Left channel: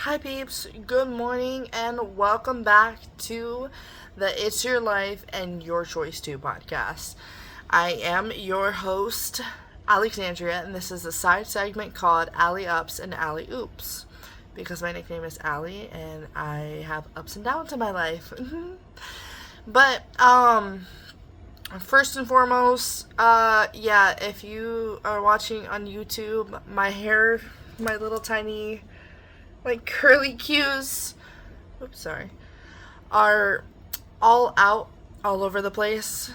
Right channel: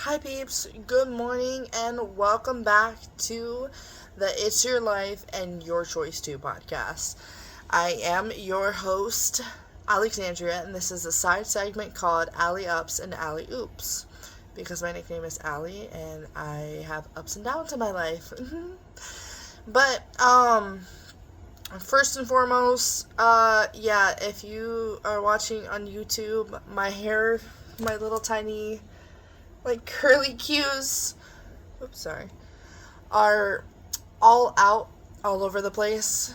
Hi peeps, good morning and welcome back to the It's Your Life and Your Choice Too podcast. I am your host, Alexandria, and this is a side segment called Alley Ups and Alley Oops because my nickname is Allie and I have ups and downs in my life. but first and foremost, if you are watching on YouTube, my hair, my little tiny curly cues, oops, sorry, are all out, all over the place.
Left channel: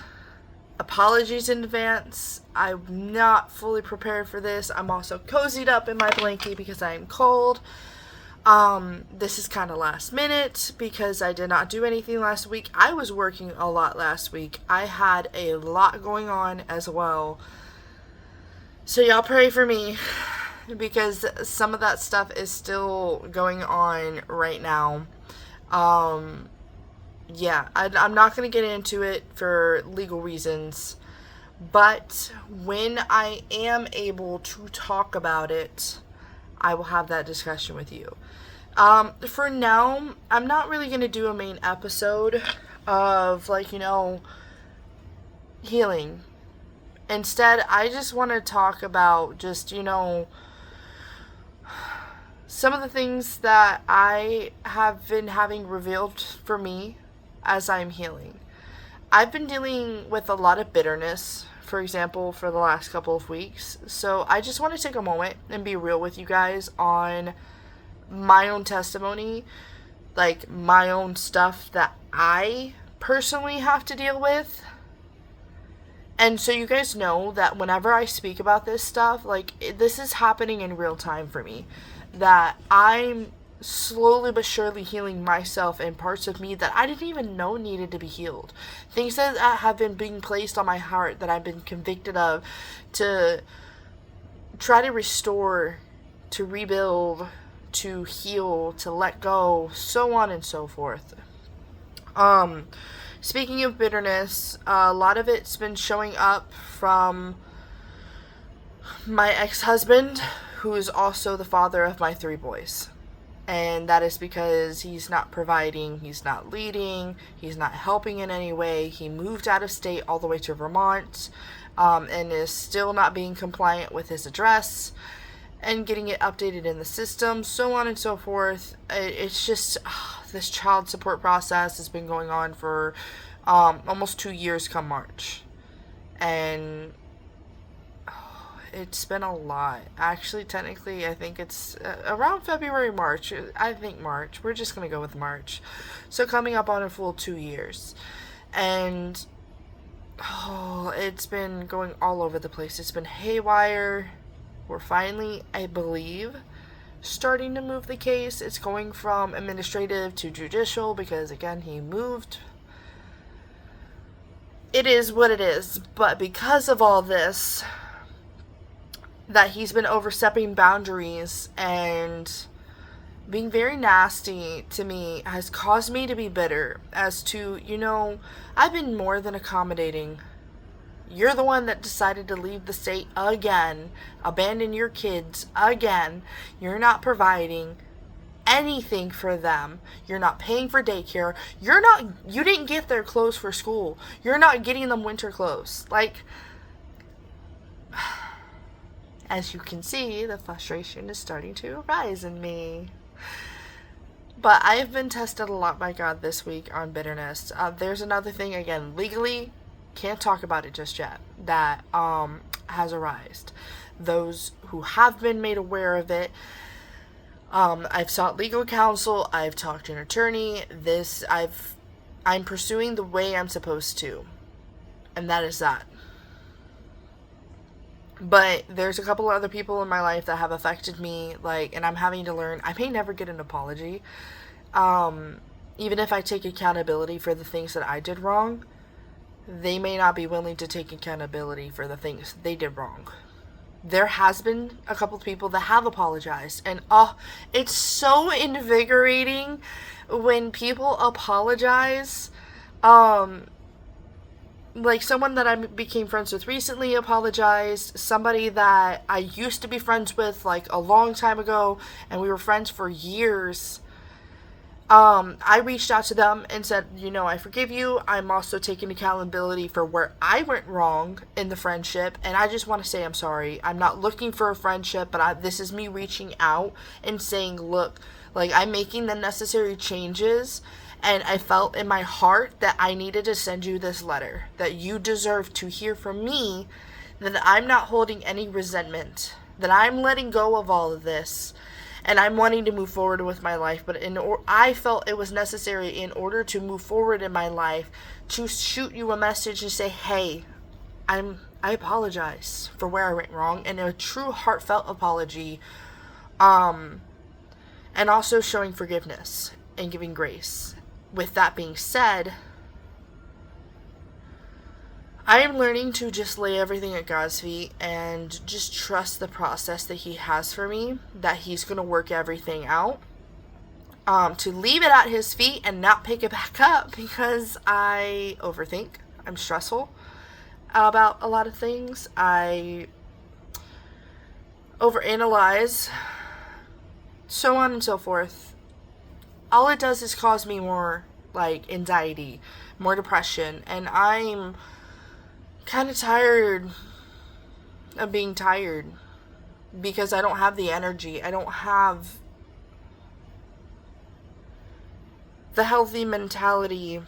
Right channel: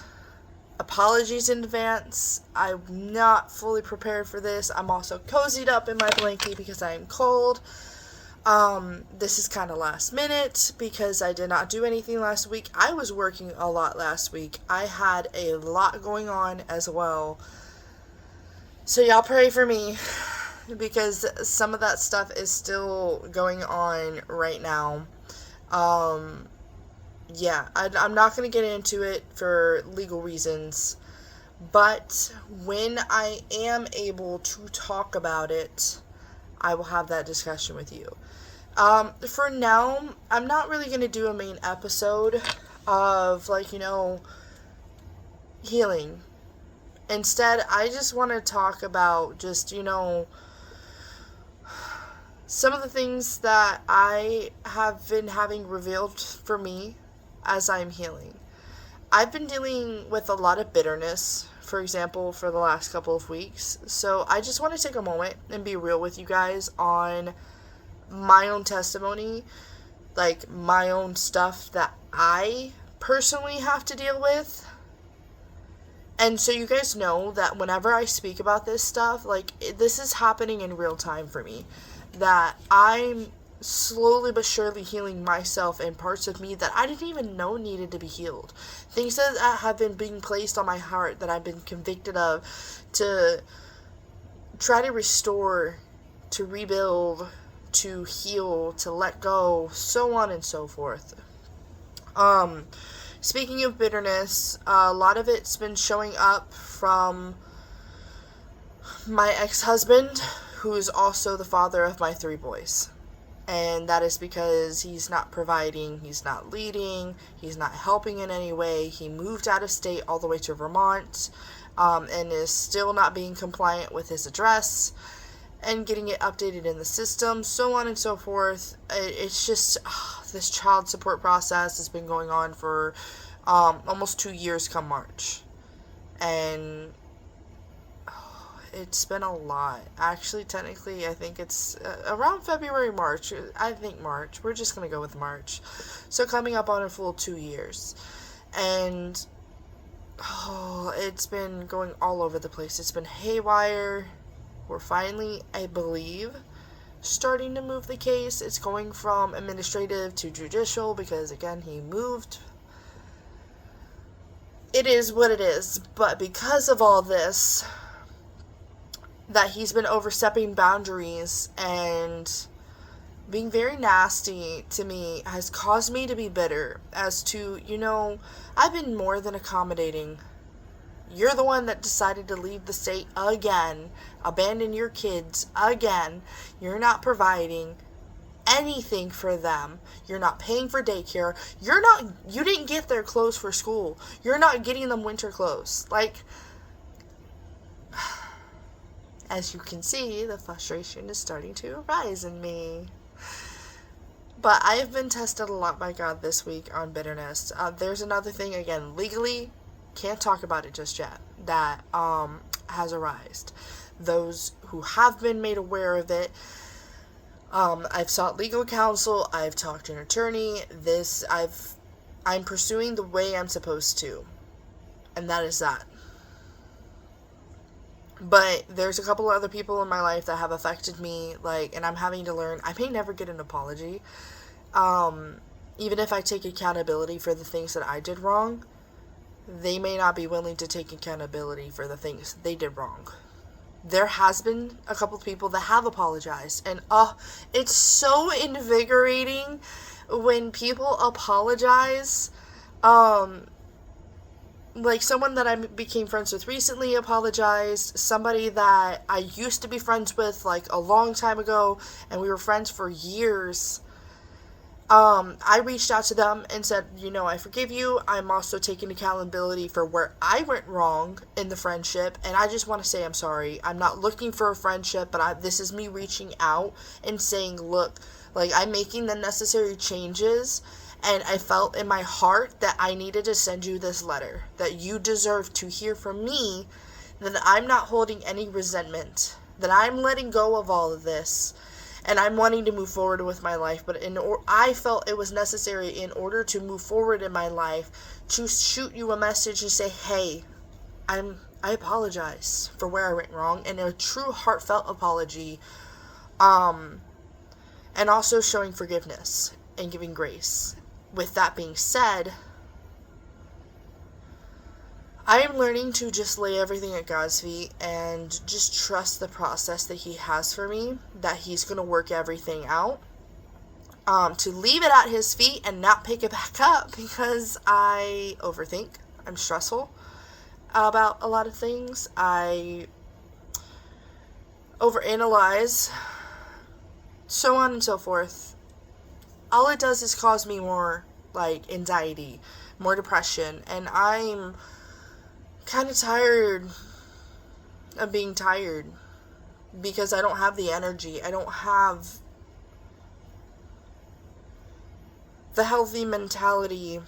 Apologies in advance. I'm not fully prepared for this. I'm also cozied up in my blankie because I am cold. This is kind of last minute because I did not do anything last week. I was working a lot last week. I had a lot going on as well. So y'all pray for me because some of that stuff is still going on right now. Um, I'm not going to get into it for legal reasons, but when I am able to talk about it, I will have that discussion with you. For now, I'm not really going to do a main episode of, healing. Instead, I just want to talk about some of the things that I have been having revealed for me as I'm healing. I've been dealing with a lot of bitterness, for example, for the last couple of weeks. So I just want to take a moment and be real with you guys on my own testimony, like my own stuff that I personally have to deal with. And so you guys know that whenever I speak about this stuff, this is happening in real time for me. That I'm slowly but surely healing myself and parts of me that I didn't even know needed to be healed. Things that have been being placed on my heart that I've been convicted of to try to restore, to rebuild, to heal, to let go, so on and so forth. Speaking of bitterness, a lot of it's been showing up from my ex-husband, who is also the father of my 3 boys. And that is because he's not providing, he's not leading, he's not helping in any way. He moved out of state all the way to Vermont, and is still not being compliant with his address and getting it updated in the system, so on and so forth. It's just this child support process has been going on for almost 2 years come March. And it's been a lot. Actually, technically, I think it's around February, March. I think March. We're just going to go with March. So coming up on a full 2 years. And it's been going all over the place. It's been haywire. We're finally, I believe, starting to move the case. It's going from administrative to judicial because, again, he moved. It is what it is. But because of all this, that he's been overstepping boundaries and being very nasty to me has caused me to be bitter as to, I've been more than accommodating. You're the one that decided to leave the state again, abandon your kids again. You're not providing anything for them. You're not paying for daycare. You didn't get their clothes for school. You're not getting them winter clothes. As you can see, the frustration is starting to arise in me. But I have been tested a lot by God this week on bitterness. There's another thing, again, legally, can't talk about it just yet, that has arisen. Those who have been made aware of it, I've sought legal counsel, I've talked to an attorney, I'm pursuing the way I'm supposed to. And that is that. But there's a couple other people in my life that have affected me, and I'm having to learn. I may never get an apology. Even if I take accountability for the things that I did wrong, they may not be willing to take accountability for the things they did wrong. There has been a couple of people that have apologized, and it's so invigorating when people apologize. like someone that I became friends with recently apologized. Somebody that I used to be friends with like a long time ago, and we were friends for years. I reached out to them and said, I forgive you. I'm also taking accountability for where I went wrong in the friendship, and I just want to say I'm sorry. I'm not looking for a friendship, but this is me reaching out and saying, look, like, I'm making the necessary changes, and I felt in my heart that I needed to send you this letter, that you deserve to hear from me, that I'm not holding any resentment, that I'm letting go of all of this, and I'm wanting to move forward with my life. But I felt it was necessary in order to move forward in my life to shoot you a message and say, hey, I apologize for where I went wrong, and a true heartfelt apology, and also showing forgiveness and giving grace. With that being said, I am learning to just lay everything at God's feet and just trust the process that He has for me, that He's going to work everything out. To leave it at His feet and not pick it back up because I overthink. I'm stressful about a lot of things. I overanalyze, so on and so forth. All it does is cause me more, like, anxiety, more depression, and I'm kind of tired of being tired because I don't have the energy. I don't have the healthy mentality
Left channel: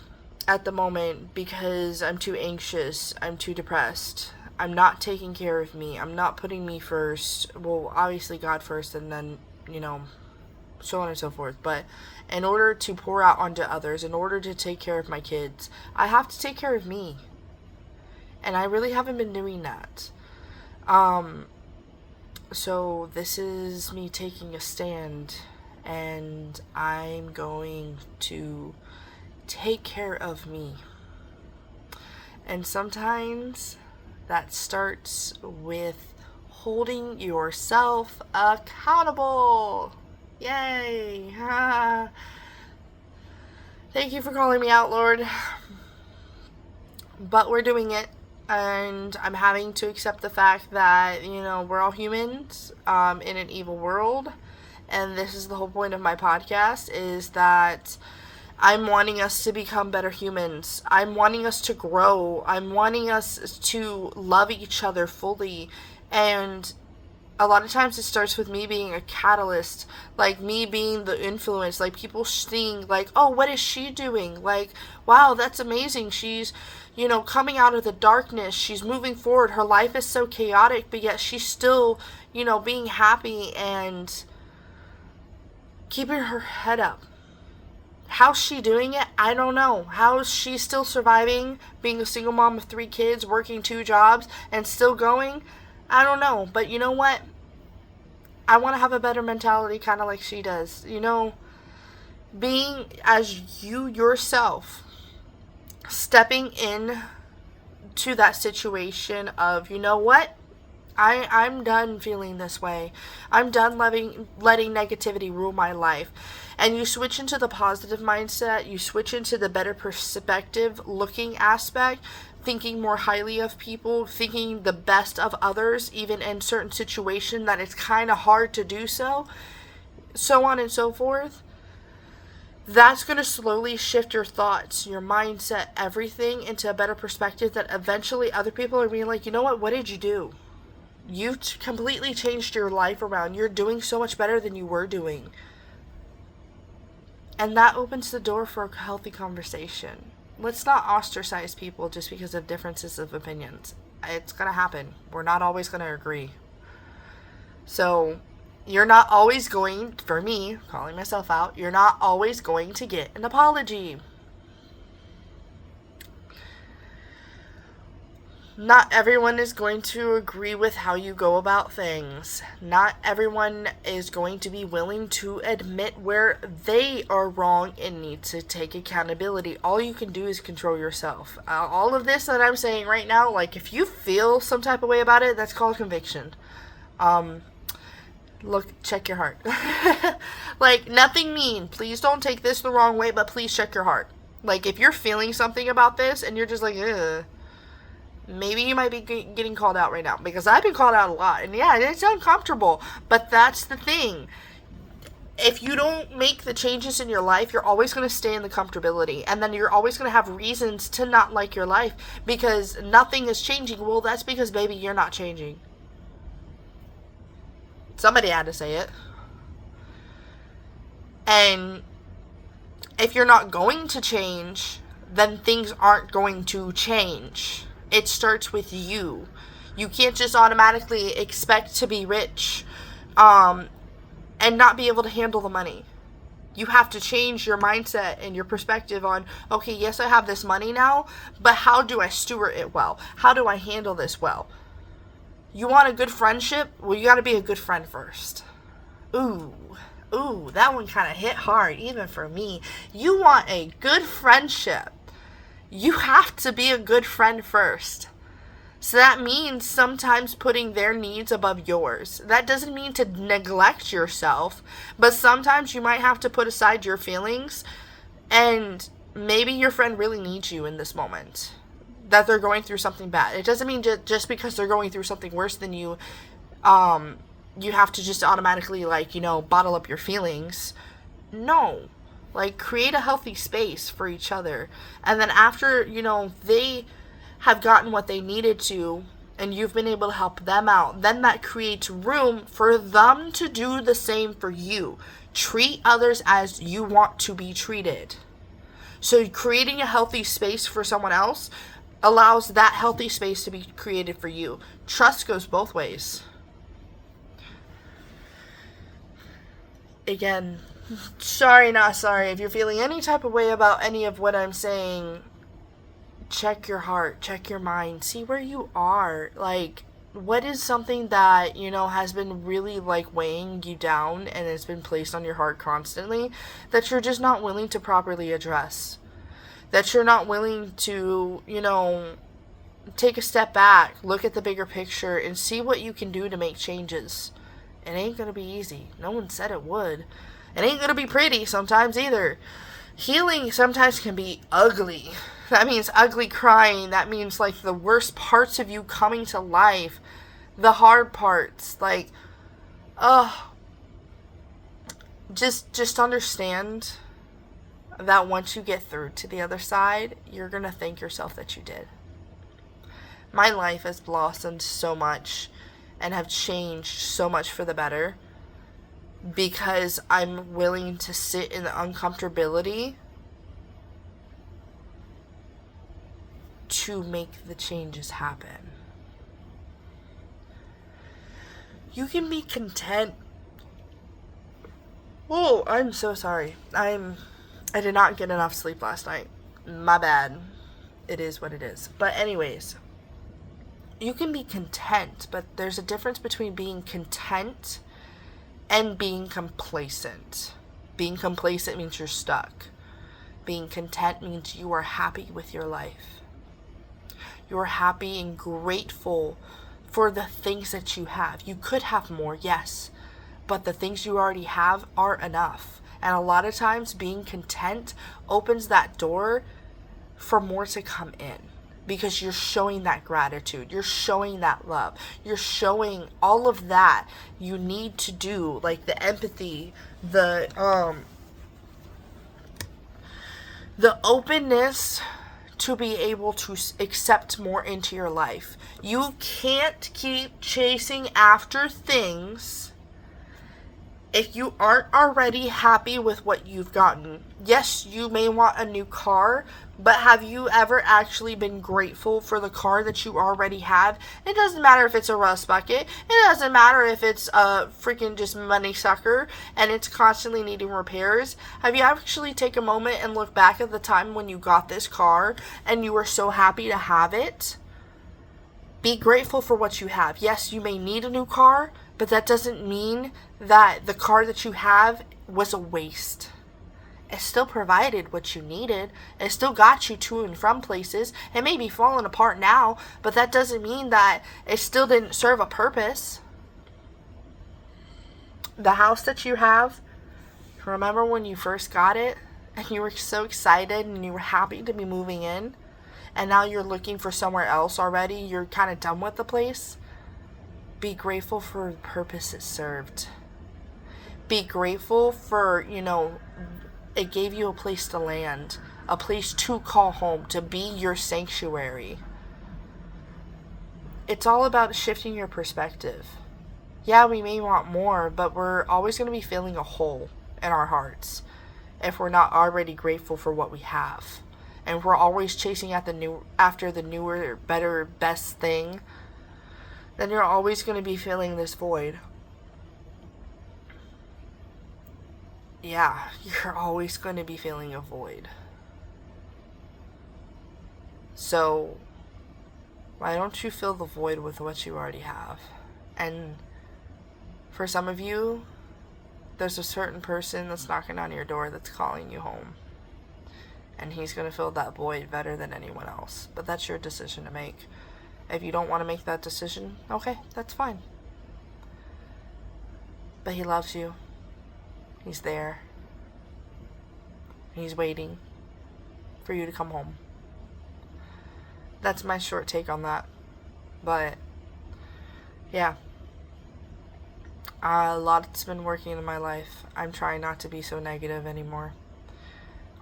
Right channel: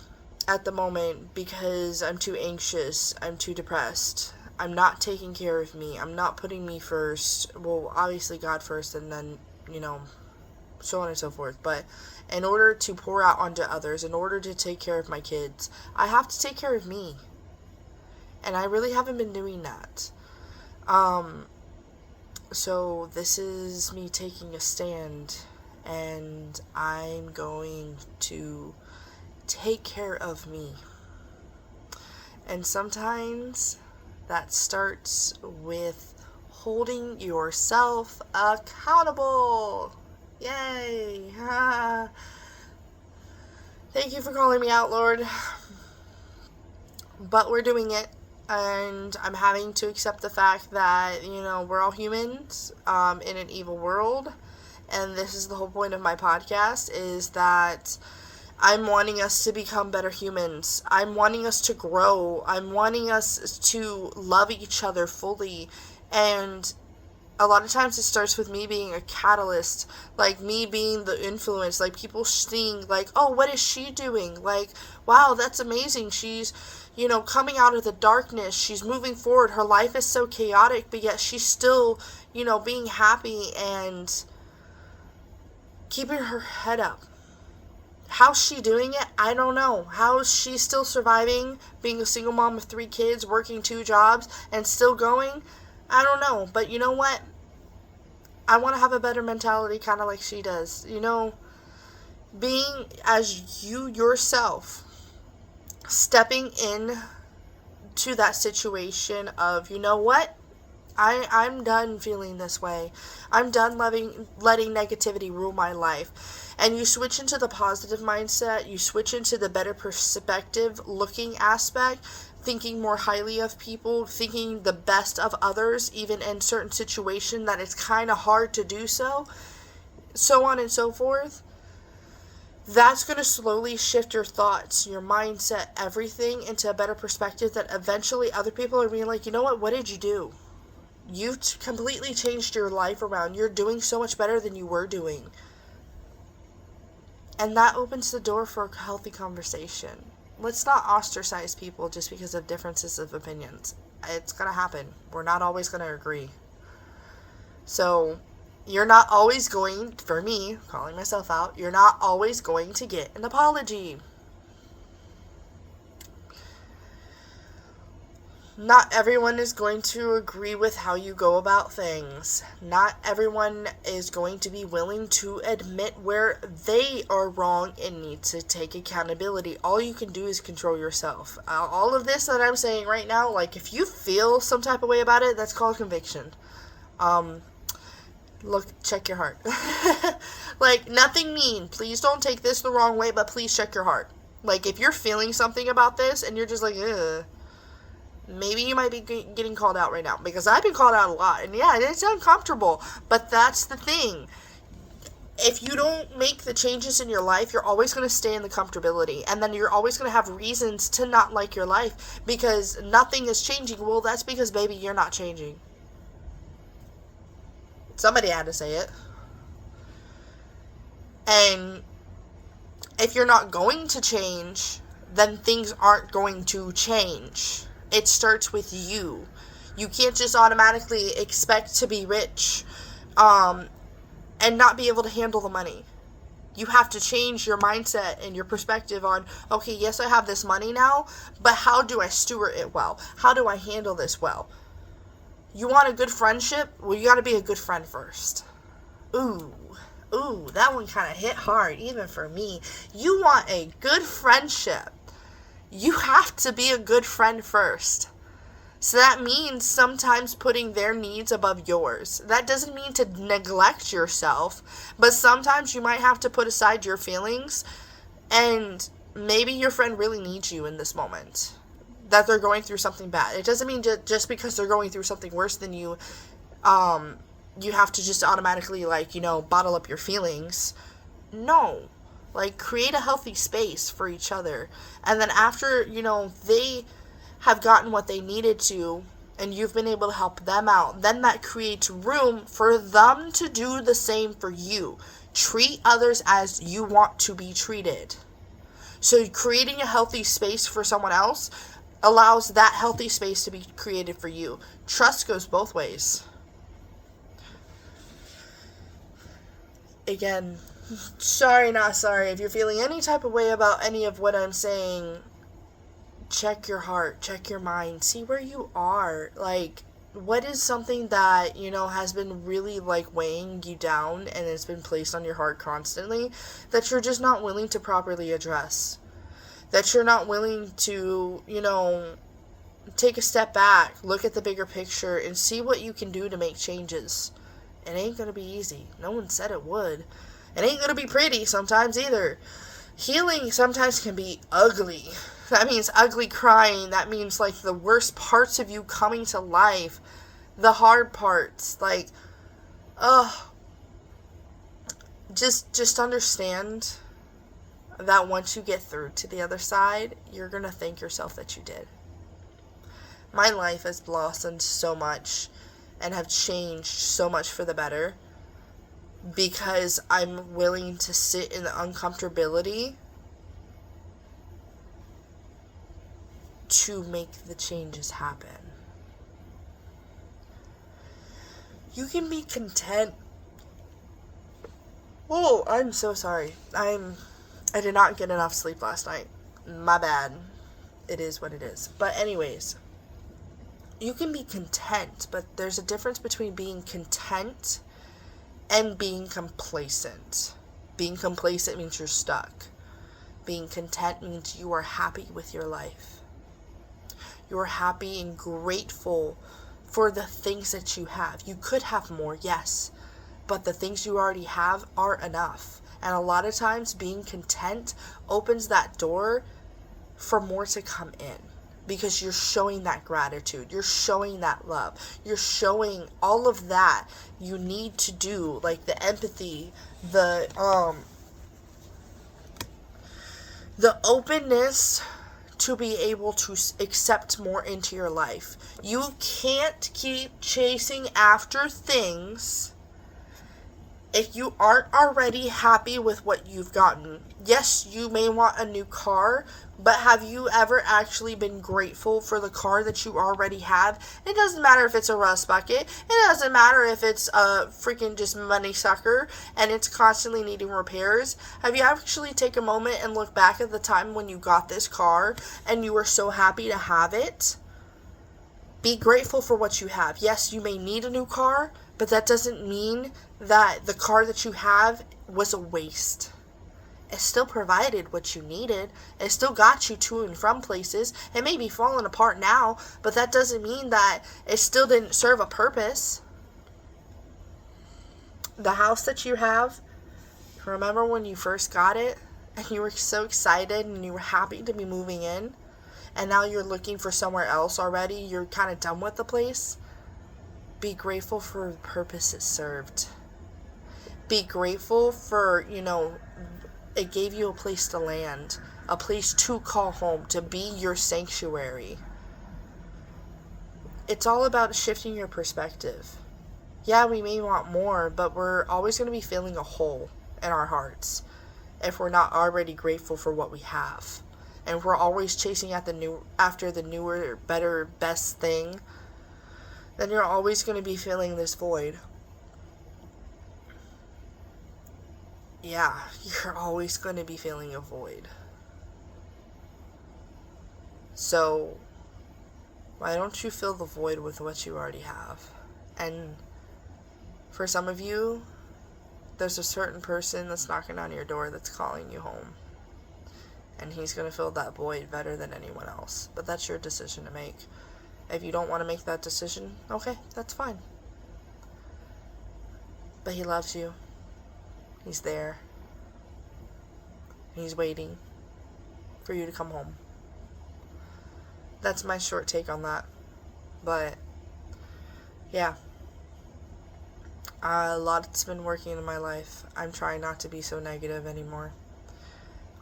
at the moment because I'm too anxious. I'm too depressed. I'm not taking care of me. I'm not putting me first. Well, obviously God first, and then, so on and so forth. But in order to pour out onto others, in order to take care of my kids, I have to take care of me. And I really haven't been doing that. So this is me taking a stand, and I'm going to take care of me. And sometimes that starts with holding yourself accountable. Yay! Thank you for calling me out, Lord. But we're doing it. And I'm having to accept the fact that, we're all humans in an evil world. And this is the whole point of my podcast, is that I'm wanting us to become better humans. I'm wanting us to grow. I'm wanting us to love each other fully. And a lot of times it starts with me being a catalyst, like me being the influence, like people seeing, like, oh, what is she doing? Like, wow, that's amazing. She's, coming out of the darkness. She's moving forward. Her life is so chaotic, but yet she's still, being happy and keeping her head up. How's she doing it? I don't know. How is she still surviving, being a single mom of 3 kids, working 2 jobs, and still going? I don't know. But you know what? I want to have a better mentality, kind of like she does. Being as you yourself, stepping in to that situation of, what? I'm done feeling this way. I'm done letting negativity rule my life. And you switch into the positive mindset. You switch into the better perspective looking aspect, thinking more highly of people, thinking the best of others, even in certain situations that it's kind of hard to do so on and so forth. That's going to slowly shift your thoughts, your mindset, everything into a better perspective that eventually other people are being like, what did you do? You've completely changed your life around. You're doing so much better than you were doing. And that opens the door for a healthy conversation. Let's not ostracize people just because of differences of opinions. It's going to happen. We're not always going to agree. So, you're not always going, for me, calling myself out, you're not always going to get an apology. Not everyone is going to agree with how you go about things. Not everyone is going to be willing to admit where they are wrong and need to take accountability. All you can do is control yourself. All of this that I'm saying right now, like, if you feel some type of way about it, that's called conviction. Look, check your heart. Like, nothing mean. Please don't take this the wrong way, but please check your heart. Like, if you're feeling something about this and you're just like, ugh, Maybe you might be getting called out right now, because I've been called out a lot. And yeah, it's uncomfortable. But that's the thing. If you don't make the changes in your life, you're always going to stay in the comfortability. And then you're always going to have reasons to not like your life because nothing is changing. Well, that's because, baby, you're not changing. Somebody had to say it. And if you're not going to change, then things aren't going to change. It starts with you. You can't just automatically expect to be rich and not be able to handle the money. You have to change your mindset and your perspective on, okay, yes, I have this money now, but how do I steward it well? How do I handle this well? You want a good friendship? Well, you got to be a good friend first. Ooh, that one kind of hit hard, even for me. You want a good friendship. You have to be a good friend first. So that means sometimes putting their needs above yours. That doesn't mean to neglect yourself, but sometimes you might have to put aside your feelings, and maybe your friend really needs you in this moment, that they're going through something bad. It doesn't mean just because they're going through something worse than you, you have to just automatically, bottle up your feelings. No. Create a healthy space for each other. And then after, they have gotten what they needed to, and you've been able to help them out, then that creates room for them to do the same for you. Treat others as you want to be treated. So creating a healthy space for someone else allows that healthy space to be created for you. Trust goes both ways. Again, sorry, not sorry. If you're feeling any type of way about any of what I'm saying, check your heart, check your mind, see where you are. What is something that, has been really, weighing you down and it's been placed on your heart constantly that you're just not willing to properly address? That you're not willing to, take a step back, look at the bigger picture, and see what you can do to make changes. It ain't gonna be easy. No one said it would. It ain't gonna be pretty sometimes either. Healing sometimes can be ugly. That means ugly crying. That means, the worst parts of you coming to life. The hard parts. Just understand that once you get through to the other side, you're gonna thank yourself that you did. My life has blossomed so much and have changed so much for the better because I'm willing to sit in the uncomfortability to make the changes happen. You can be content. Oh, I'm so sorry. I did not get enough sleep last night. My bad. It is what it is. But anyways, you can be content, but there's a difference between being content and being complacent. Being complacent means you're stuck. Being content means you are happy with your life. You're happy and grateful for the things that you have. You could have more, yes, but the things you already have are enough. And a lot of times being content opens that door for more to come in. Because you're showing that gratitude. You're showing that love. You're showing all of that you need to do. The empathy, the openness to be able to accept more into your life. You can't keep chasing after things if you aren't already happy with what you've gotten. Yes, you may want a new car, but have you ever actually been grateful for the car that you already have? It doesn't matter if it's a rust bucket. It doesn't matter if it's a freaking just money sucker and it's constantly needing repairs. Have you actually taken a moment and look back at the time when you got this car and you were so happy to have it? Be grateful for what you have. Yes, you may need a new car, but that doesn't mean that the car that you have was a waste. It still provided what you needed. It still got you to and from places. It may be falling apart now, but that doesn't mean that it still didn't serve a purpose. The house that you have, remember when you first got it and you were so excited and you were happy to be moving in? and now you're looking for somewhere else already, you're kind of done with the place, be grateful for the purpose it served. Be grateful for, it gave you a place to land, a place to call home, to be your sanctuary. It's all about shifting your perspective. Yeah, we may want more, but we're always going to be feeling a hole in our hearts if we're not already grateful for what we have. And we're always chasing after the newer, better, best thing, then you're always going to be feeling this void. Yeah, you're always going to be feeling a void. So, why don't you fill the void with what you already have? And for some of you, there's a certain person that's knocking on your door that's calling you home. And he's going to fill that void better than anyone else. But that's your decision to make. If you don't want to make that decision, okay, that's fine. But he loves you. He's there. He's waiting for you to come home. That's my short take on that. But, yeah. A lot's been working in my life. I'm trying not to be so negative anymore.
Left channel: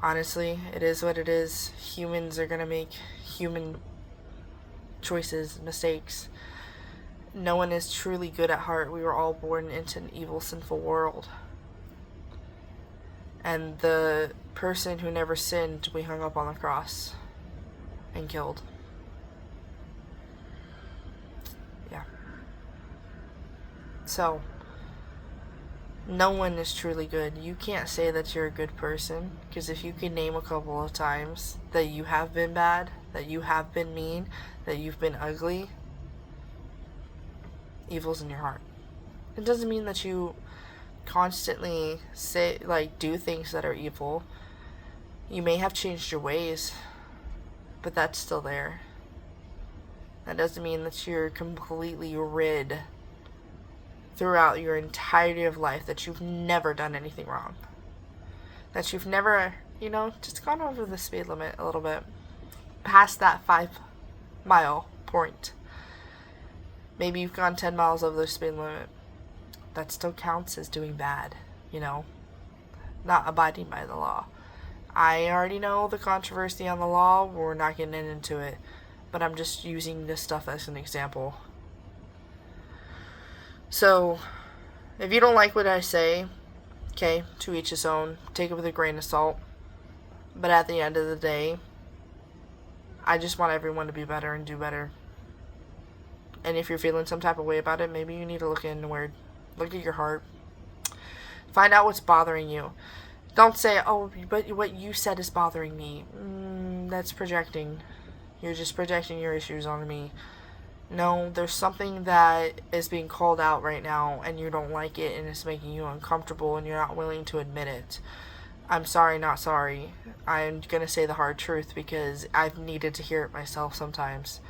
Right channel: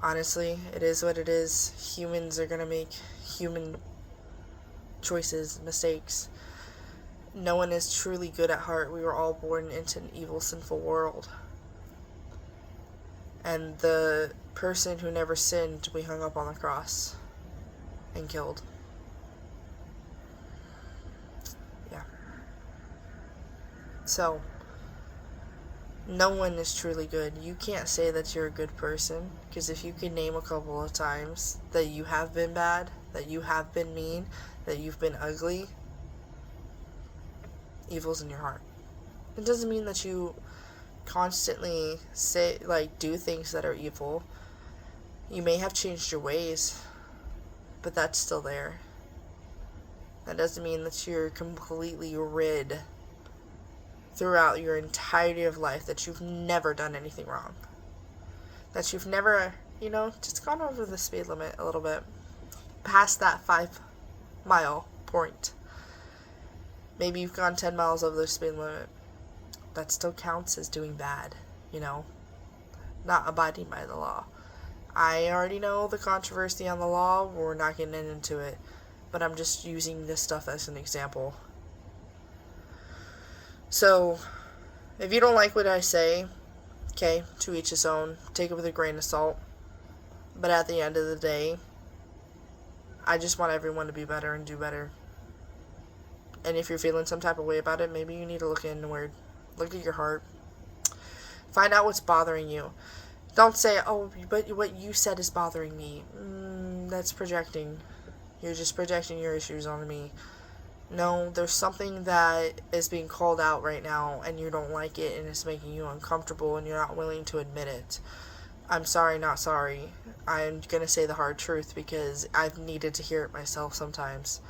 Honestly, it is what it is. Humans are going to make human choices, mistakes. No one is truly good at heart. We were all born into an evil, sinful world. And the person who never sinned, we hung up on the cross and killed. Yeah. So, no one is truly good. You can't say that you're a good person, because if you can name a couple of times that you have been bad, that you have been mean, that you've been ugly, evil's in your heart. It doesn't mean that you constantly do things that are evil. You may have changed your ways, but that's still there. That doesn't mean that you're completely rid throughout your entirety of life, that you've never done anything wrong, that you've never, just gone over the speed limit a little bit, past that 5-mile point. Maybe you've gone 10 miles over the speed limit. That still counts as doing bad, not abiding by the law. I already know the controversy on the law. We're not getting into it, but I'm just using this stuff as an example. So, if you don't like what I say, okay, to each his own. Take it with a grain of salt. But at the end of the day, I just want everyone to be better and do better. And if you're feeling some type of way about it, maybe you need to look inward. Look at your heart. Find out what's bothering you. Don't say, oh, but what you said is bothering me. That's projecting. You're just projecting your issues on me. No, there's something that is being called out right now, and you don't like it, and it's making you uncomfortable, and you're not willing to admit it. I'm sorry, not sorry. I'm going to say the hard truth, because I've needed to hear it myself sometimes.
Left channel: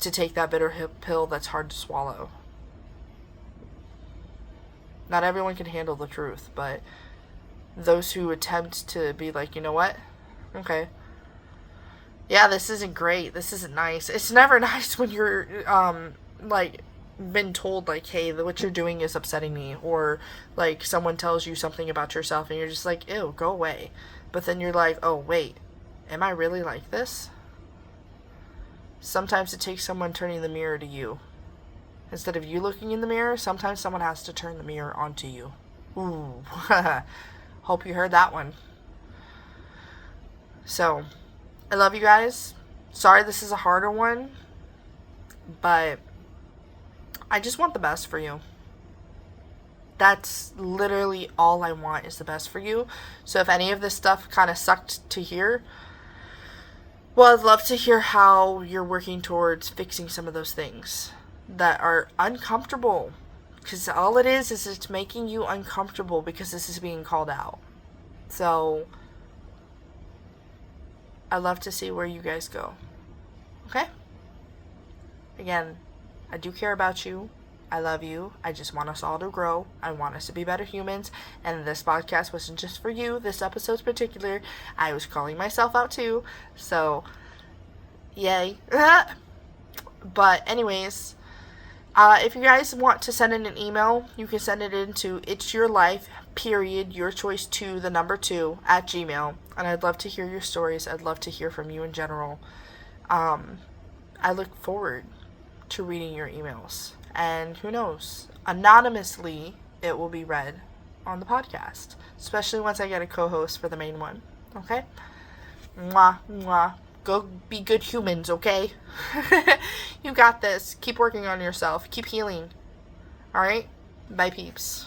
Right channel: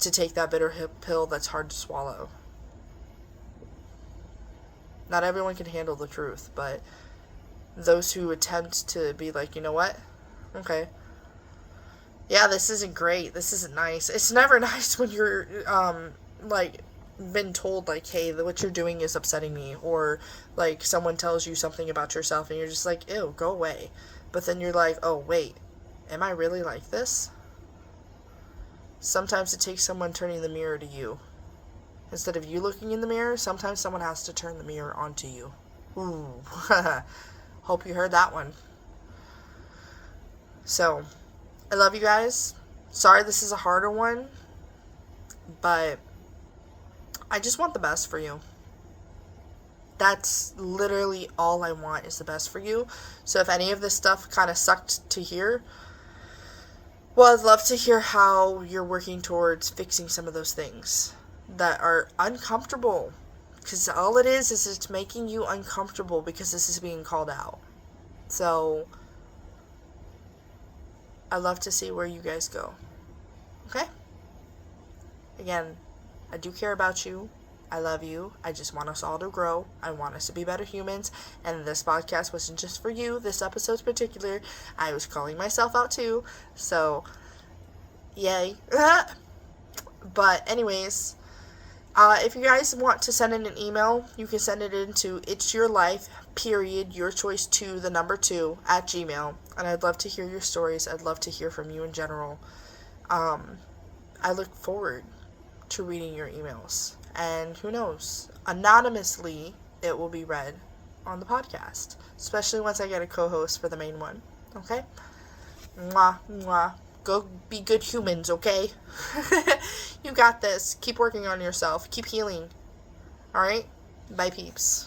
To take that bitter pill that's hard to swallow. Not everyone can handle the truth, but those who attempt to be like, you know what? Okay. Yeah, this isn't great. This isn't nice. It's never nice when you're, been told, hey, what you're doing is upsetting me. Or, someone tells you something about yourself and you're just like, ew, go away. But then you're like, oh, wait, am I really like this? Sometimes it takes someone turning the mirror to you. Instead of you looking in the mirror, sometimes someone has to turn the mirror onto you. Ooh. Hope you heard that one. So, I love you guys. Sorry this is a harder one, but I just want the best for you. That's literally all I want, is the best for you. So if any of this stuff kind of sucked to hear, well, I'd love to hear how you're working towards fixing some of those things that are uncomfortable. Because all it is it's making you uncomfortable because this is being called out. So, I'd love to see where you guys go. Okay? Again, I do care about you. I love you. I just want us all to grow. I want us to be better humans. And this podcast wasn't just for you. This episode's particular. I was calling myself out too. So, Yay. But anyways, if you guys want to send in an email, you can send it into itsyourlife.yourchoice2 at Gmail. And I'd love to hear your stories. I'd love to hear from you in general. I look forward to reading your emails. And who knows, anonymously, it will be read on the podcast. Especially once I get a co-host for the main one. Okay? Mwah, mwah. Go be good humans, okay? You got this. Keep working on yourself. Keep healing. Alright? Bye, peeps.